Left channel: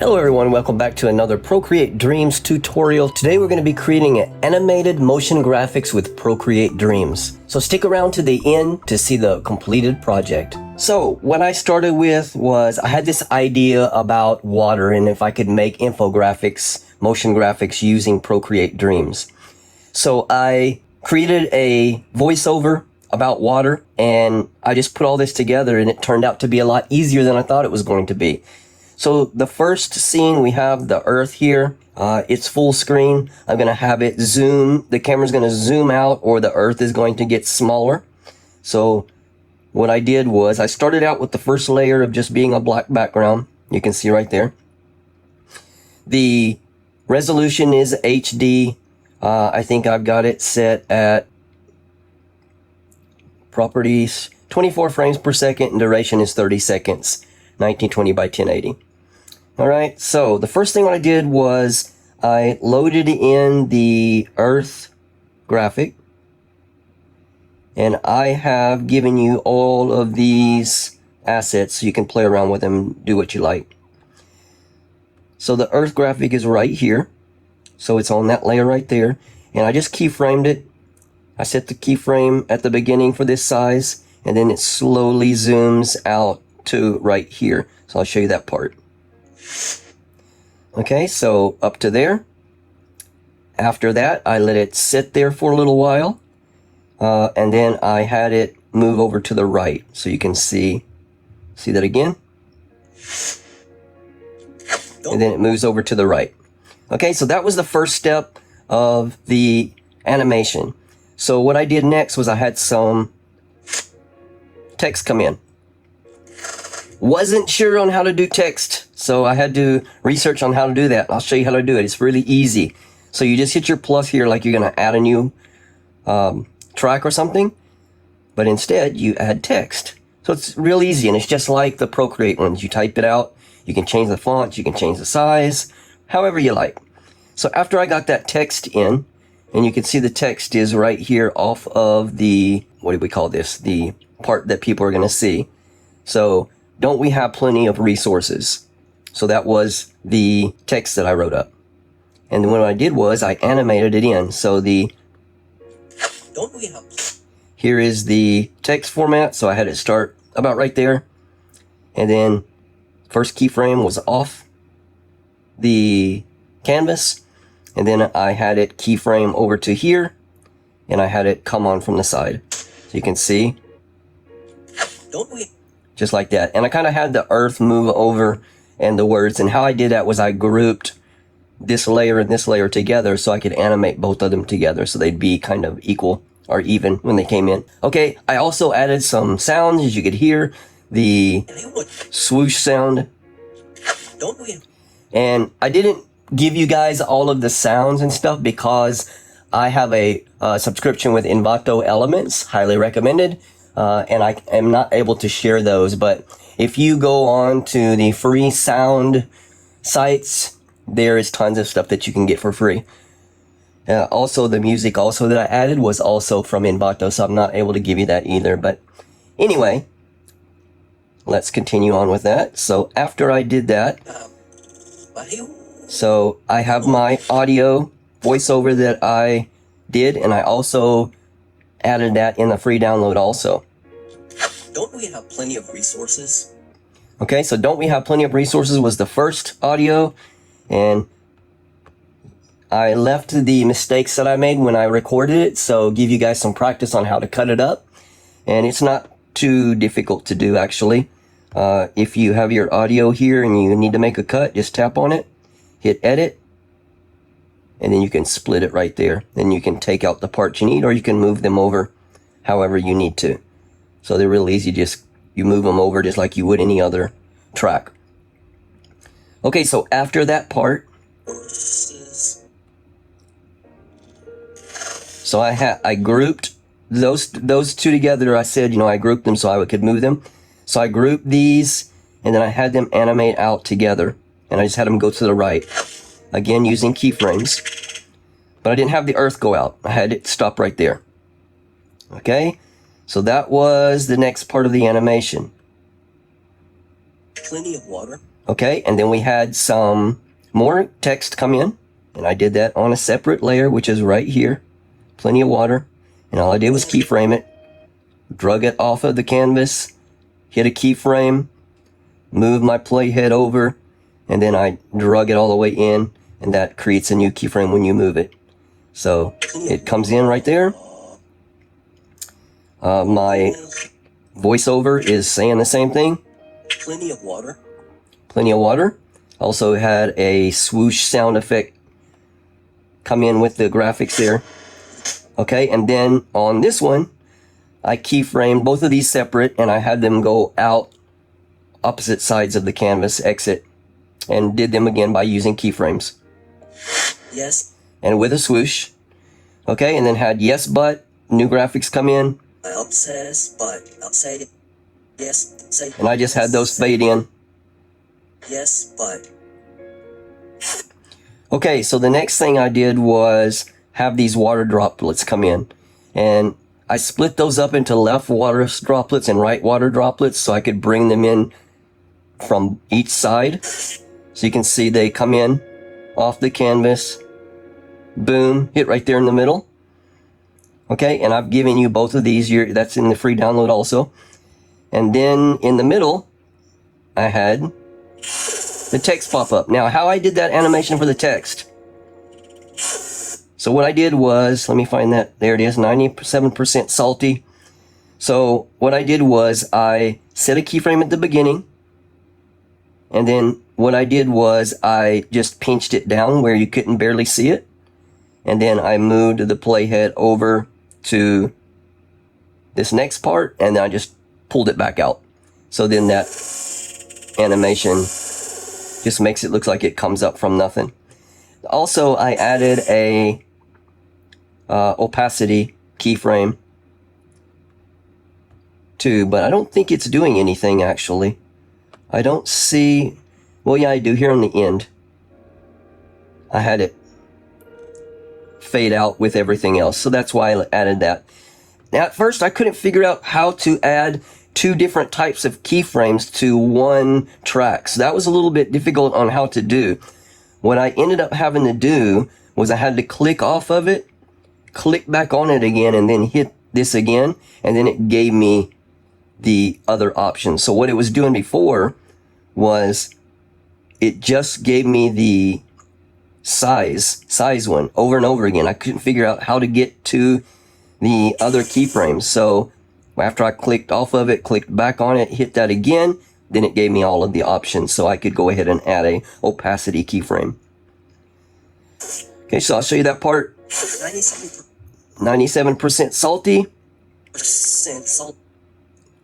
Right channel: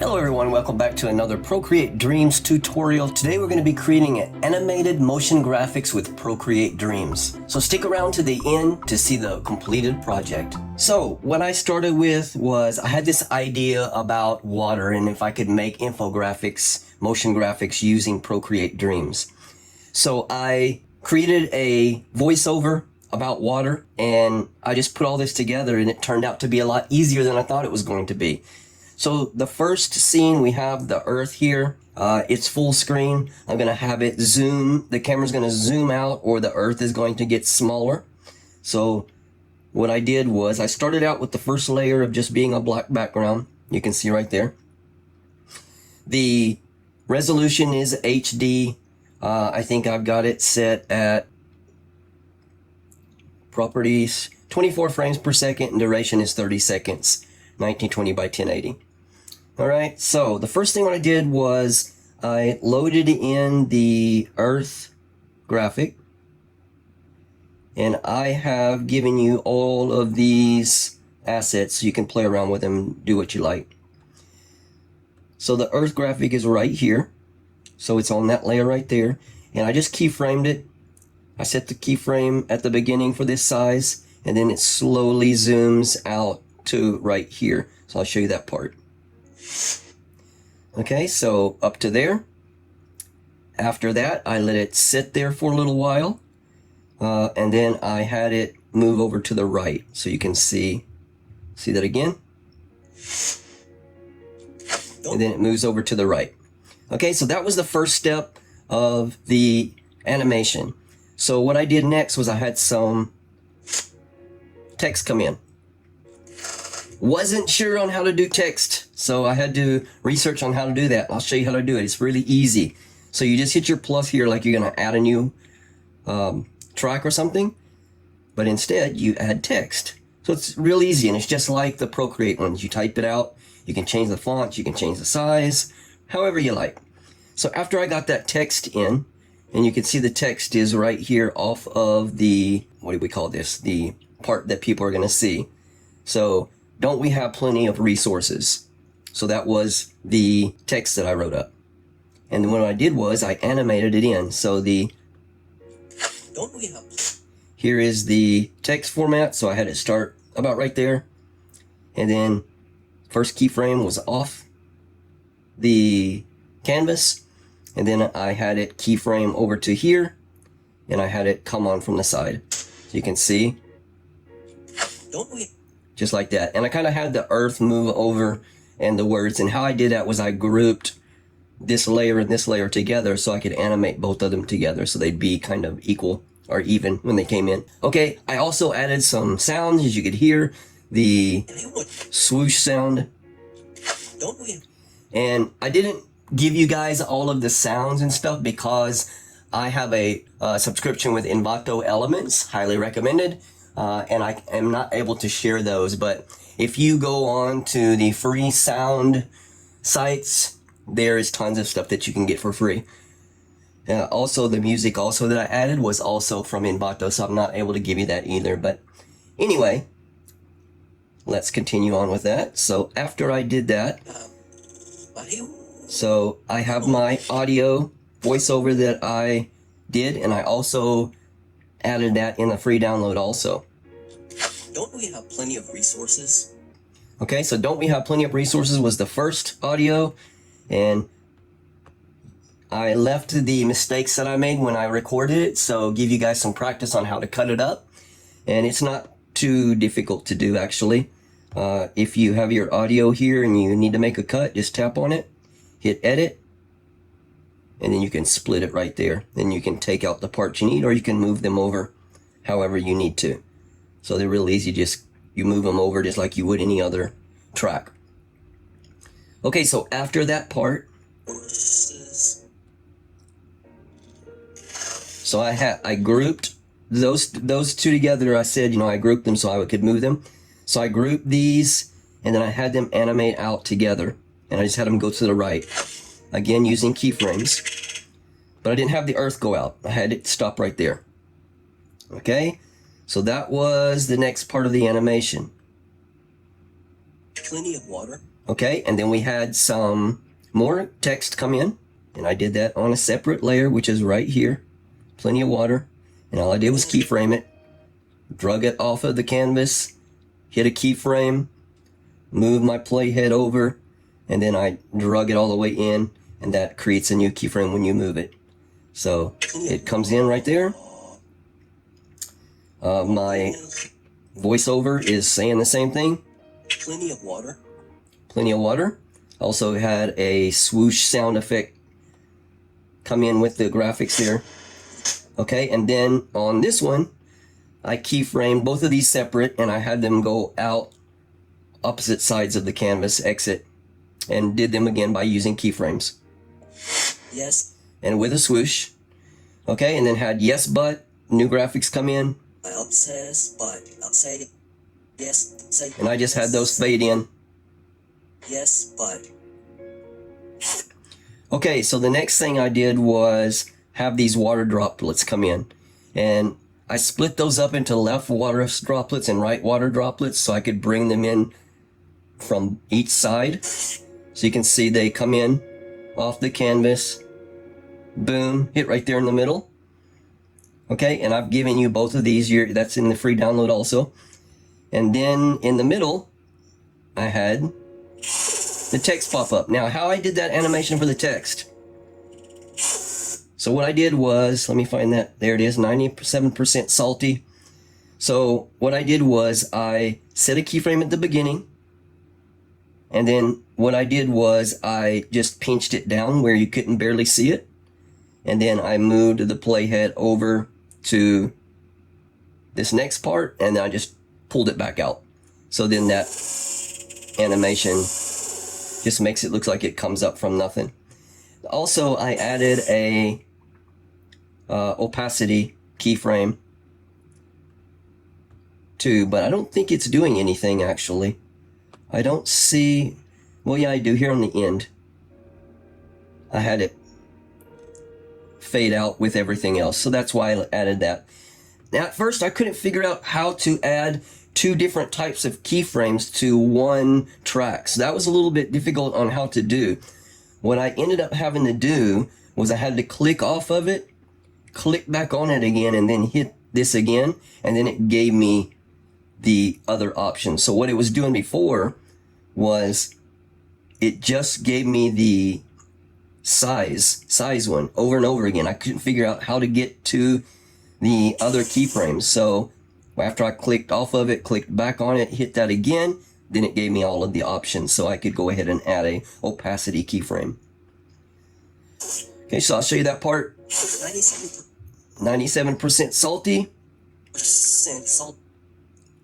Hello everyone, welcome back to another Procreate Dreams tutorial. Today we're going to be creating animated motion graphics with Procreate Dreams. So stick around to the end to see the completed project. So what I started with was I had this idea about water and if I could make infographics, motion graphics using Procreate Dreams. So I created a voiceover about water and I just put all this together and it turned out to be a lot easier than I thought it was going to be. So the first scene, we have the Earth here. It's full screen. I'm going to have it zoom. The camera's going to zoom out or the Earth is going to get smaller. So what I did was I started out with the first layer of just being a black background. You can see right there. The resolution is HD. I think I've got it set at properties 24 frames per second and duration is 30 seconds. 1920 by 1080. All right, so the first thing I did was I loaded in the Earth graphic, and I have given you all of these assets so you can play around with them, do what you like. So the Earth graphic is right here, so it's on that layer right there, and I just keyframed it. I set the keyframe at the beginning for this size, and then it slowly zooms out to right here. So I'll show you that part. Okay, so up to there. After that, I let it sit there for a little while. And then I had it move over to the right. So you can see that again. And then it moves over to the right. Okay, so that was the first step of the animation. So what I did next was I had some text come in. Wasn't sure on how to do text, so I had to research on how to do that. I'll show you how to do it. It's really easy. So you just hit your plus here like you're going to add a new track or something, but instead you add text. So it's real easy, and it's just like the Procreate ones. You type it out, you can change the font, you can change the size, however you like. So after I got that text in, and you can see the text is right here off of the, what do we call this? The part that people are going to see. So don't we have plenty of resources? So that was the text that I wrote up. And then what I did was I animated it in. So the, don't we have, here is the text format. So I had it start about right there. And then first keyframe was off the canvas. And then I had it keyframe over to here. And I had it come on from the side. So you can see. Don't we? Just like that. And I kind of had the Earth move over and the words. And how I did that was I grouped this layer and this layer together so I could animate both of them together so they'd be kind of equal or even when they came in. Okay, I also added some sounds, as you could hear, the swoosh sound. Don't we? And I didn't give you guys all of the sounds and stuff because I have a subscription with Envato Elements, highly recommended. And I am not able to share those, but if you go on to the free sound sites, there is tons of stuff that you can get for free. Also, the music also that I added was also from Envato, so I'm not able to give you that either. But anyway, let's continue on with that. So after I did that, so I have my audio voiceover that I did, and I also added that in the free download also. Don't we have plenty of resources? Okay, so don't we have plenty of resources was the first audio, and I left the mistakes that I made when I recorded it, so give you guys some practice on how to cut it up. And it's not too difficult to do, actually. If you have your audio here and you need to make a cut, just tap on it, hit edit, and then you can split it right there. Then you can take out the parts you need, or you can move them over however you need to. So they're real easy, just you move them over just like you would any other track. Okay, so after that part, so I grouped those two together. I said, I grouped them so I could move them. So I grouped these, and then I had them animate out together, and I just had them go to the right. Again, using keyframes, but I didn't have the Earth go out. I had it stop right there. Okay, so that was the next part of the animation. Plenty of water. Okay, and then we had some more text come in, and I did that on a separate layer, which is right here. Plenty of water, and all I did was keyframe it, drug it off of the canvas, hit a keyframe, move my playhead over, and then I drug it all the way in, and that creates a new keyframe when you move it. So it comes in right there. My voiceover is saying the same thing. Plenty of water. Plenty of water. Also had a swoosh sound effect come in with the graphics there. Okay, and then on this one, I keyframed both of these separate, and I had them go out opposite sides of the canvas, exit, and did them again by using keyframes. Yes. And with a swoosh. Okay, and then had yes, but, new graphics come in. Says, but, say, yes, say. And I just had those fade in. Yes, but. Okay, so the next thing I did was have these water droplets come in. And I split those up into left water droplets and right water droplets so I could bring them in from each side. So you can see they come in off the canvas. Boom, hit right there in the middle. Okay, and I've given you both of these. That's in the free download also. And then in the middle, I had the text pop up. Now, how I did that animation for the text. So what I did was, let me find that. There it is, 97% salty. So what I did was I set a keyframe at the beginning. And then what I did was I just pinched it down where you couldn't barely see it. And then I moved the playhead over to this next part, and then I just pulled it back out. So then that animation just makes it look like it comes up from nothing. Also, I added a opacity keyframe too, but I don't think it's doing anything actually. I don't see, well yeah I do here on the end. I had it fade out with everything else, so that's why I added that. Now, at first I couldn't figure out how to add two different types of keyframes to one track, so that was a little bit difficult on how to do. What I ended up having to do was I had to click off of it, click back on it again, and then hit this again, and then it gave me the other option. So what it was doing before was it just gave me the size one over and over again. I couldn't figure out how to get to the other keyframes. So after I clicked off of it, clicked back on it, hit that again, then it gave me all of the options. So I could go ahead and add a opacity keyframe. Okay, so I'll show you that part. 97% salty.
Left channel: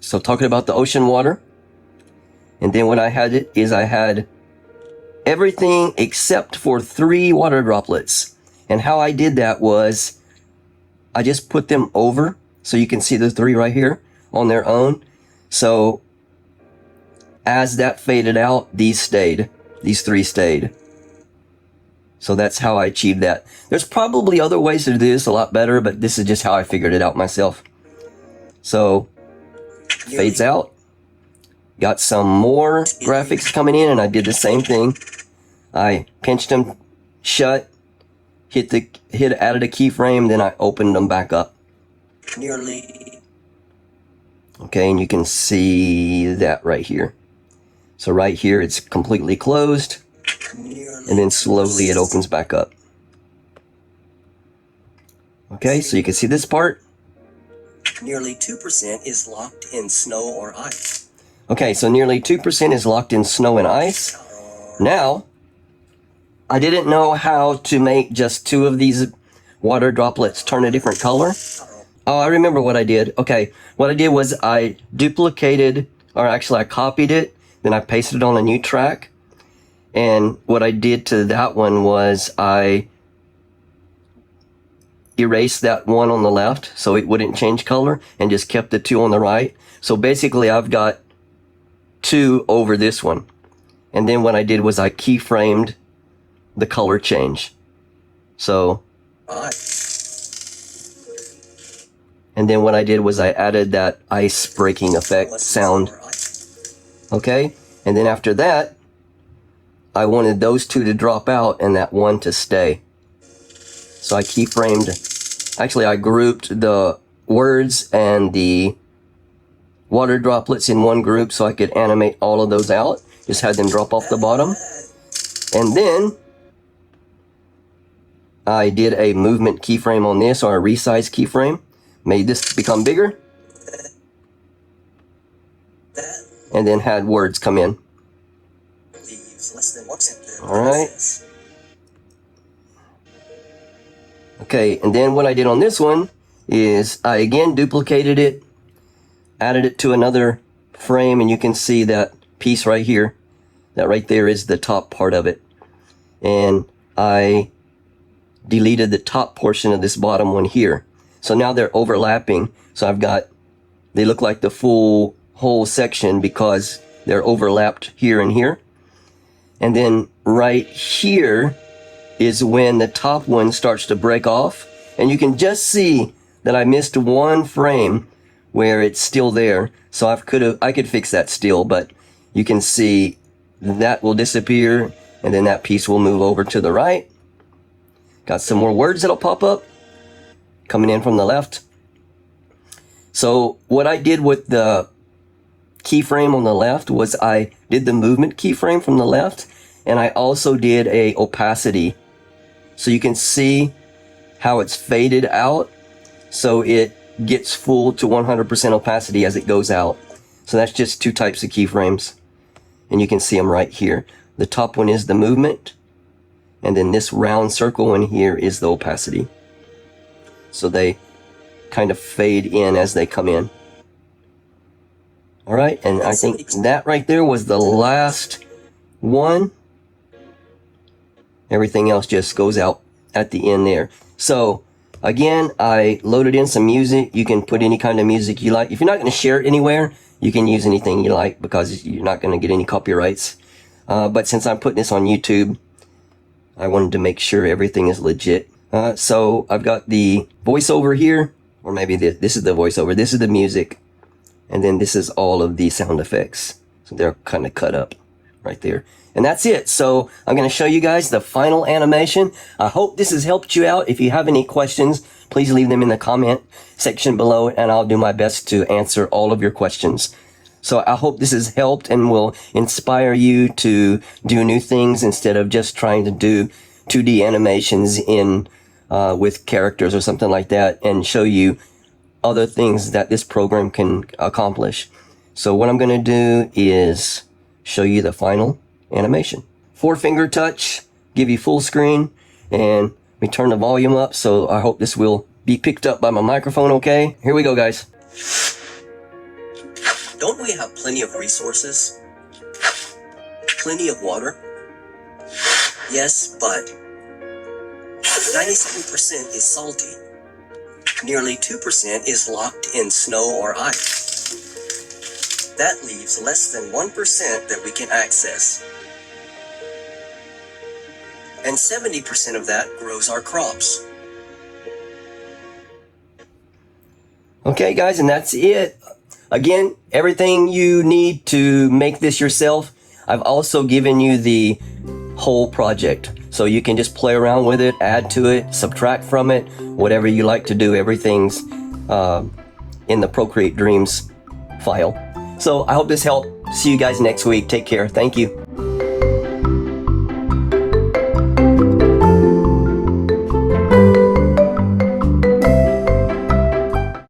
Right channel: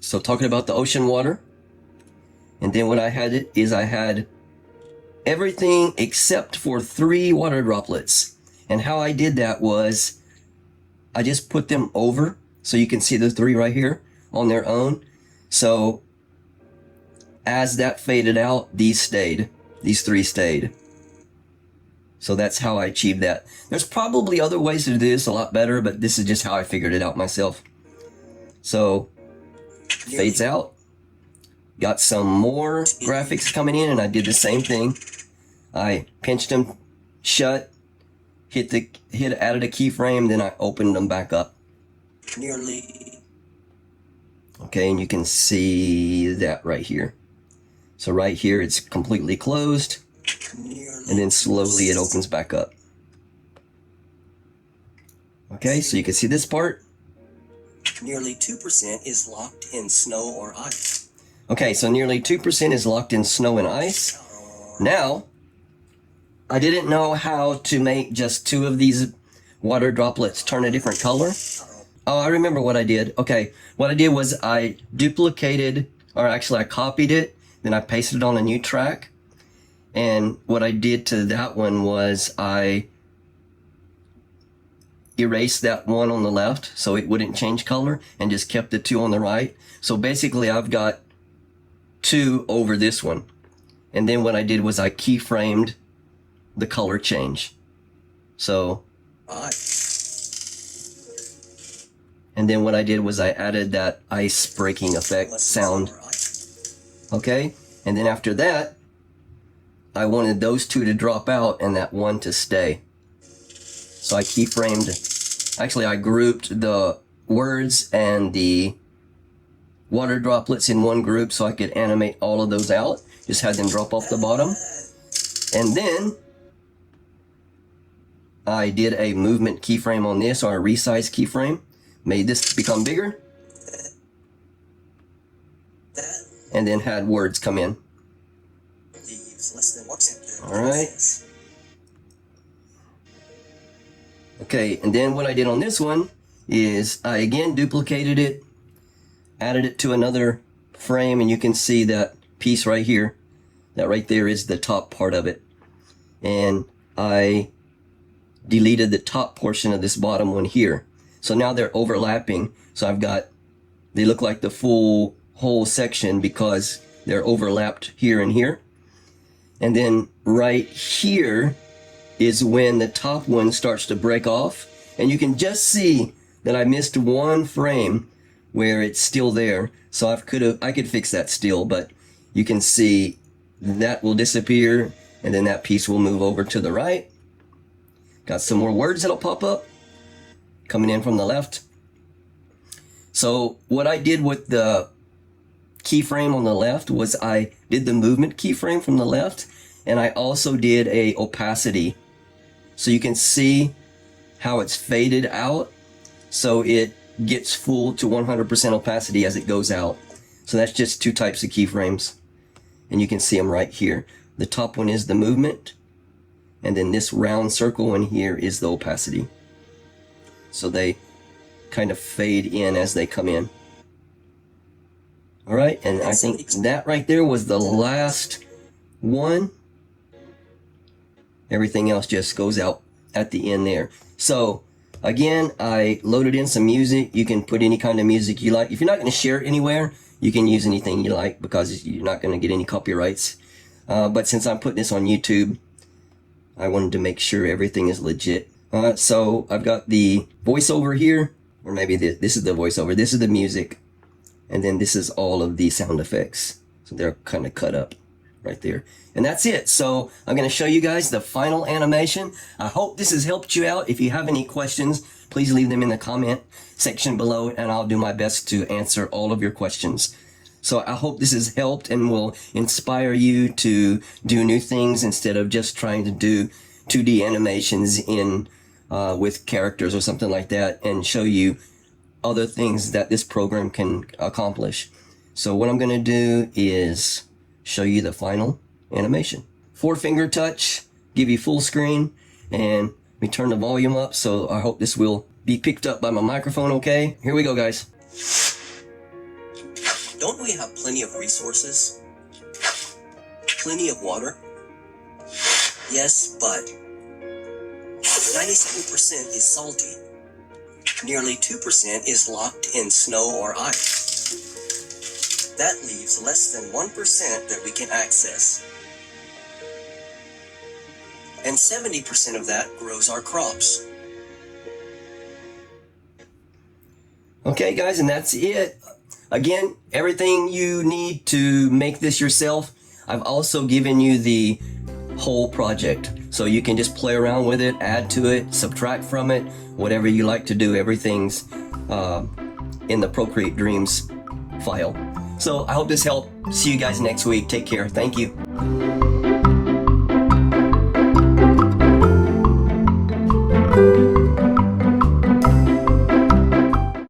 So talking about the ocean water. And then what I had is I had everything except for 3 water droplets. And how I did that was I just put them over so you can see the 3 right here on their own. So as that faded out, these 3 stayed. So that's how I achieved that. There's probably other ways to do this a lot better, but this is just how I figured it out myself. So fades out. Got some more graphics coming in, and I did the same thing. I pinched them shut, added a keyframe, then I opened them back up. Nearly. Okay, and you can see that right here. So right here, it's completely closed, and then slowly it opens back up. Okay, so you can see this part. Nearly 2% is locked in snow or ice. Okay, so nearly 2% is locked in snow and ice. Now, I didn't know how to make just 2 of these water droplets turn a different color. Oh, I remember what I did. Okay, what I did was I duplicated, or actually I copied it, then I pasted it on a new track. And what I did to that one was I erased that one on the left so it wouldn't change color and just kept the 2 on the right. So basically I've got 2 over this one. And then what I did was I keyframed the color change. So, and then what I did was I added that ice breaking effect sound. Okay, and then after that, I wanted those two to drop out and that one to stay. So I keyframed, actually I grouped the words and the water droplets in one group so I could animate all of those out. Just had them drop off the bottom. And then I did a movement keyframe on this, or a resize keyframe. Made this become bigger. And then had words come in. Alright. Okay, and then what I did on this one is I again duplicated it, added it to another frame, and you can see that piece right here. That right there is the top part of it. And I deleted the top portion of this bottom one here. So now they're overlapping. So I've got, they look like the full whole section because they're overlapped here and here. And then right here is when the top one starts to break off. And you can just see that I missed one frame where it's still there. So I could fix that still, but you can see that will disappear and then that piece will move over to the right. Got some more words that'll pop up coming in from the left. So what I did with the keyframe on the left was I did the movement keyframe from the left, and I also did a opacity. So you can see how it's faded out. So it gets full to 100% opacity as it goes out. So that's just two types of keyframes. And you can see them right here. The top one is the movement. And then this round circle one here is the opacity. So they kind of fade in as they come in. All right, and I think that right there was the last one. Everything else just goes out at the end there. So again, I loaded in some music. You can put any kind of music you like. If you're not going to share it anywhere, you can use anything you like because you're not going to get any copyrights. But since I'm putting this on YouTube, I wanted to make sure everything is legit. So I've got the voiceover here, or maybe this is the voiceover. This is the music. And then this is all of the sound effects. So they're kind of cut up right there. And that's it. So I'm going to show you guys the final animation. I hope this has helped you out. If you have any questions, please leave them in the comment section below, and I'll do my best to answer all of your questions. So I hope this has helped and will inspire you to do new things instead of just trying to do 2D animations in with characters or something like that, and show you other things that this program can accomplish. So what I'm going to do is show you the final animation. 4-finger touch, give you full screen, and we turn the volume up, so I hope this will be picked up by my microphone okay. Here we go, guys. Don't we have plenty of resources? Plenty of water? Yes, but 97% is salty. Nearly 2% is locked in snow or ice. That leaves less than 1% that we can access. And 70% of that grows our crops. Okay, guys, and that's it. Again, everything you need to make this yourself, I've also given you the whole project. So you can just play around with it, add to it, subtract from it, whatever you like to do. Everything's in the Procreate Dreams file. So I hope this helped. See you guys next week. Take care. Thank you.